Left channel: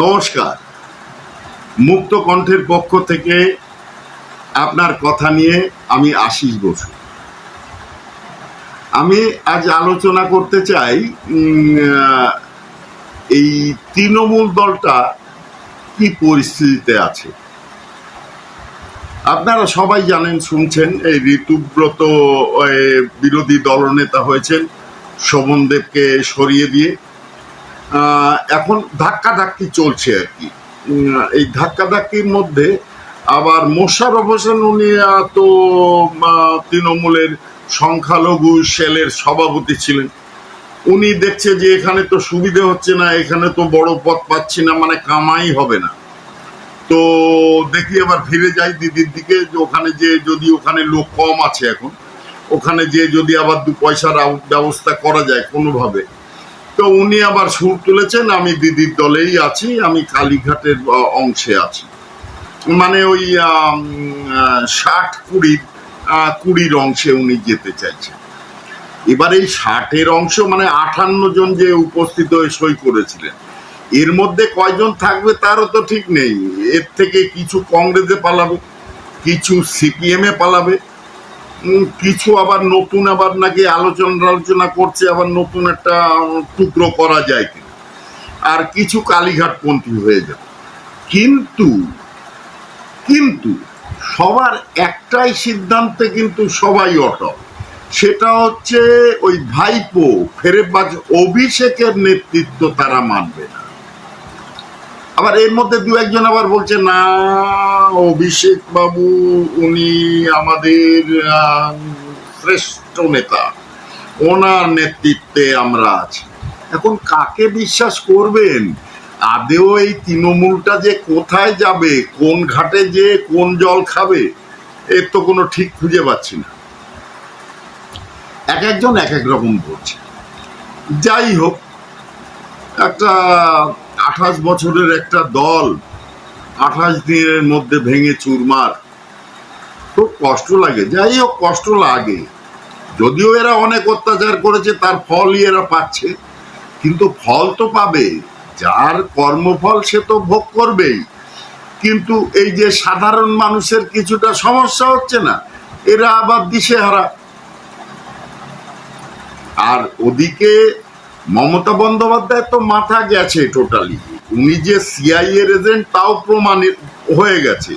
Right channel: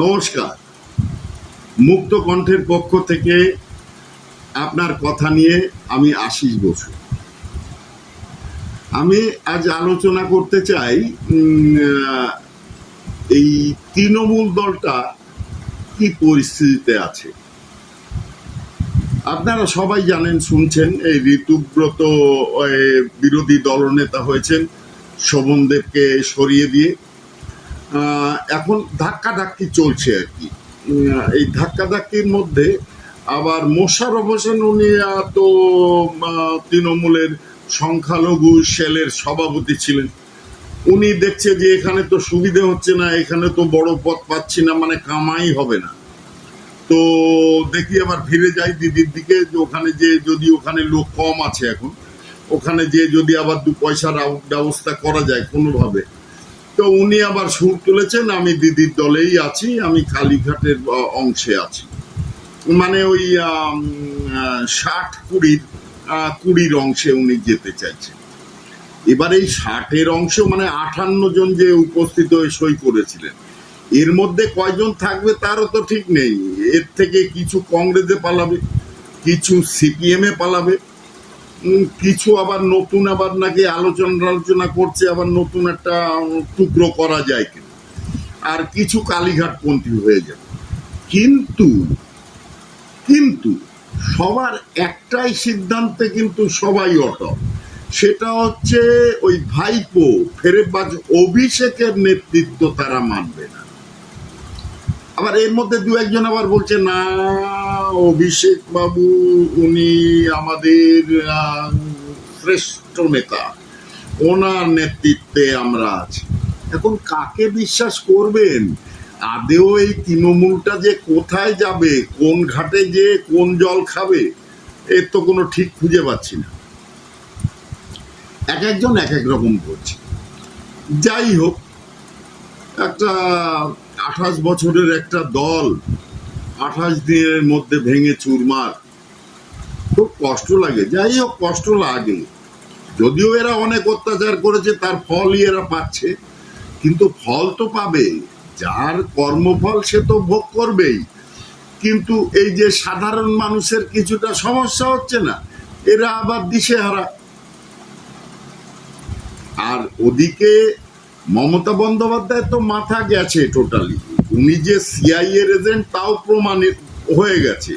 নমস্কার। মুক্ত কণ্ঠের পক্ষ থেকে আপনার কথা নিয়ে আমি আশিস বসু। আমি আজ আলোচনা করতে চাই এই তৃণমূল দলটা কি পরিস্থিতিতে আছে। আপনারা সবাই জানেন, শুনছেন, এই ঋতুব্রত বিরোধী দলনেতা হয়েছেন শোভনদেবকে সরিয়ে দিয়ে। এখন ধাক্কাধাক্কি চলছে আর কি। এই ধাক্কাধাক্কির মধ্যে আবার মোশাররফ হোসেন, উনি তো তৃণমূলের সংখ্যালঘু সেলের সভাপতি ছিলেন। উনি দেখছে যে এখানে তো সুবিধে হচ্ছে না, এখানে তো বড় পদ পাচ্ছি না, মানে কামাই হবে না। তো দেখি আবার ফিরে যাই দিদির দিকে, যে ওখানে যে যদি ওখানে লোক কম আছে এখন, ওখানে যে যদি আবার 2 পয়সার ব্যবস্থা করা যায় কোনোভাবে। তো উনি আবার সুর তুলেছেন, আমি দিদির দলেই আছি, আমি কালীঘাটের অংশে আছি, মানে ওই 60-20-20 অংশে উনি যেতে চাইছেন। এবার এই 60-এর অংশ মানে 58 জন যে উপস্থিত হয়ে সই করেছিলেন, এর মধ্যে কয়জন থাকবে তারও তো ঠিক নেই। এর থেকে কিছু কংগ্রেসে পালাবে, কিছু সিপিএম এ পালাবে, কিছু আবার নতুন আবার নাকি আলোচনা করছে আবার নতুন একটা টুকরো করা যায় কিনা, আর কিছু কালীঘাটপন্থী হয়ে যাবে। কিন্তু কিন্তু সবার একটাই সিদ্ধান্তে কিন্তু সবাই অটল, সেটা হচ্ছে ওই ভাইপো ফেরেবাজ অভিষেকের নেতৃত্ব তারা মানবে না। আবার এর মধ্যে 2-1 জন আবার বলছে, না, অভিষেক বাবু উনি আমাদের শ্রেষ্ঠ নেতা, ওনার নেতৃত্বে আমরা আছি। এখন কাকে বিশ্বাস করবেন? আদেও এই তৃণমূলটা যে কোথায় যাবে, কোন ঘাটে যে কোন জল খাবে, এর তো কোনো ঠিক খুঁজে পাচ্ছি না। এক একজন এক এক রকম করছে। যাই হোক, একটা 28 বছরের একটা দল 28 দিনের মধ্যে ভেঙে চুরমার, খুব কষ্ট লাগে। যাই হোক, কষ্ট লাগে, যদিও এরা অনেক অত্যাচার করেছে, তার ফলই এরা পাচ্ছে। কিন্তু ফল তো পাবে, যার কর্মফল সে তো ভোগ করবেই। কিন্তু এই যে সাধারণ মানুষের কিছুটা সমস্যা হচ্ছে না, এরা আবার দিশেহারা। আর ওদিকে মমতা বন্দ্যোপাধ্যায় তো মাথা গেছে টোটালি। উনি যে সিআইএর এজেন্ট তাও প্রমাণিত হয়ে গেছে।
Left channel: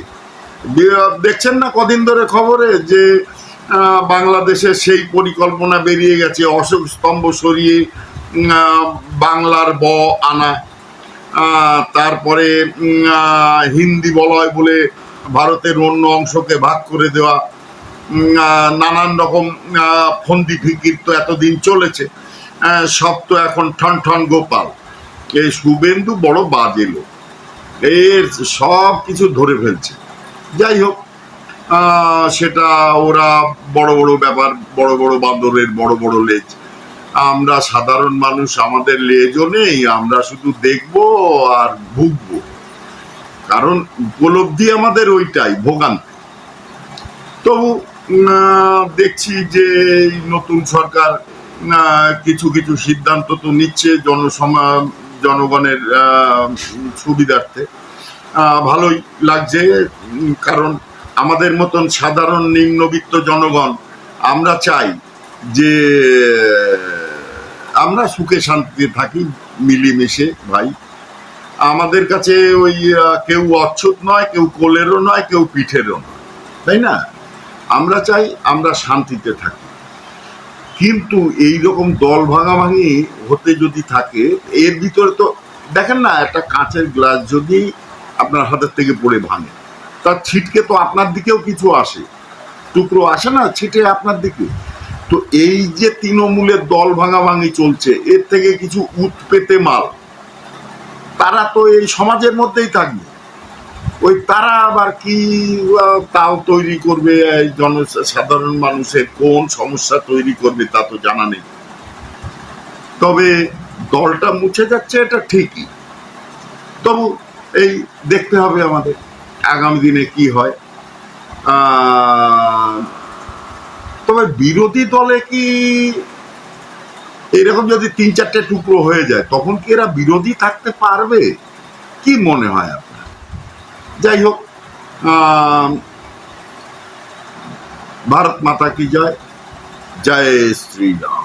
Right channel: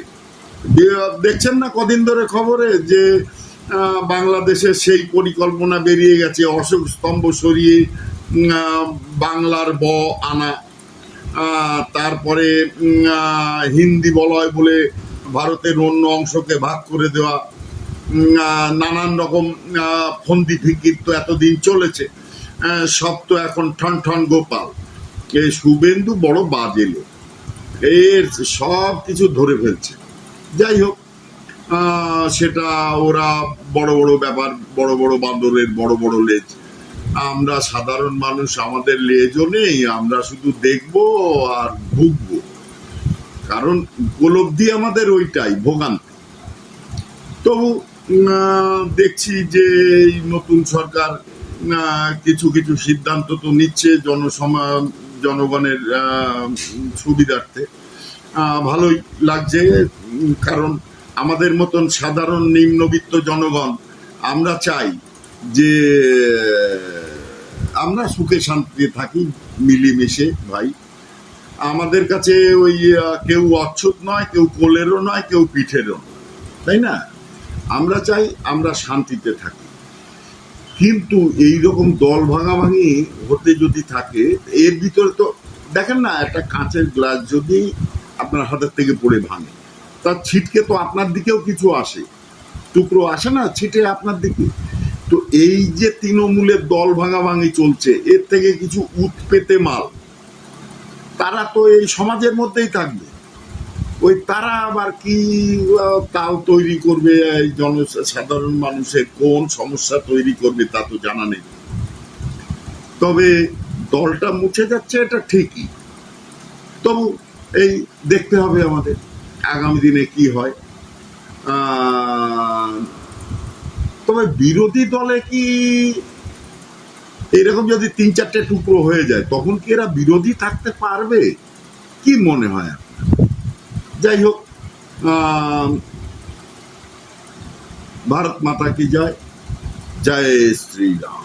দেখছেন না কদিন ধরে খবরে যে বাংলাদেশে সেই পরিকল্পনা বেরিয়ে গেছে, অশোক স্তম্ভ সরিয়ে বাংলার আনা, তারপরে হিন্দি বলয় বলে ভারতের অন্য অংশকে ভাগ করে দেওয়া, নানান রকম ফন্দি ফিকির তো এতদিন চলেছে। সব তো এখন ঠন ঠন গোপাল। এই শুভেন্দু বড় বাজে লোক, এর সব কিছু ধরে ফেলছে। যাই হোক, সেটা ওরা বড় বড় ব্যাপার, বড় বড় বান্দরের বড় বড় লেজ। আমরা সাধারণ মানুষ, আমাদের লেজও নেই, আমরা শুধু দেখবো আর ভুগবো, কারণ উপলব্ধি আমাদের ওইটাই, ভোগান্তি। তবু দেখছি যে নতুন সরকার কিছু কিছু সিদ্ধান্ত তো নিচ্ছে জনগণের সুবিধার্থে। ভালোই লাগছে, কারণ আমাদের মতন সাধারণ নিম্নবিত্ত জনগণ আমরা চাই যে আমরা সুখে শান্তিতে থাকি, মিলেমিশে। ভাই, আমাদের কাছে ওই কেউ অচ্ছুত নয়, কেউ কোলেরও নয়, কেউ পিঠেরও নয়, তাই না? আমরা চাই আমরা শান্তিতে থাকি। কিন্তু এই রকম দল ভাঙাভাঙি হতে যদি থাকে, এর ভিতরে তো দেখেন না, একটা কাঁচের গ্লাস যদি আপনার হাতের থেকে পড়ে ভাঙে, তার ছিটকে তো আপনার দিকেও কিছু আসে, টুকরো আসে না, ছিটে আপনার দিকে। তো এই যে তৃণমূলের দল ভাঙাভাঙি চলছে, এর থেকে কিছু উৎপেতে মাল তারা তো এই সমাজের মধ্যেই থাকবে। ওই তারা আবার কি তাও তৈরি করবে, সাধারণ মানুষের কোন সমস্যা তৈরি করবে তা তো জানা নেই। তবে দলটা মুছে যাচ্ছে এটা ঠিকই, তবু এই দেখতে হবে আমাদের আগামী দিনে কি হয়। তবে বিরোধী দলে কি এরকম যদি 3-4টে টুকরো হয়ে যায়, তখন কি এরা বিরোধী থাকতে পারবে? কি মনে হয় আপনার? যাই হোক, আহ, ভারত মাতা কি জয়, জয় শ্রীরাম।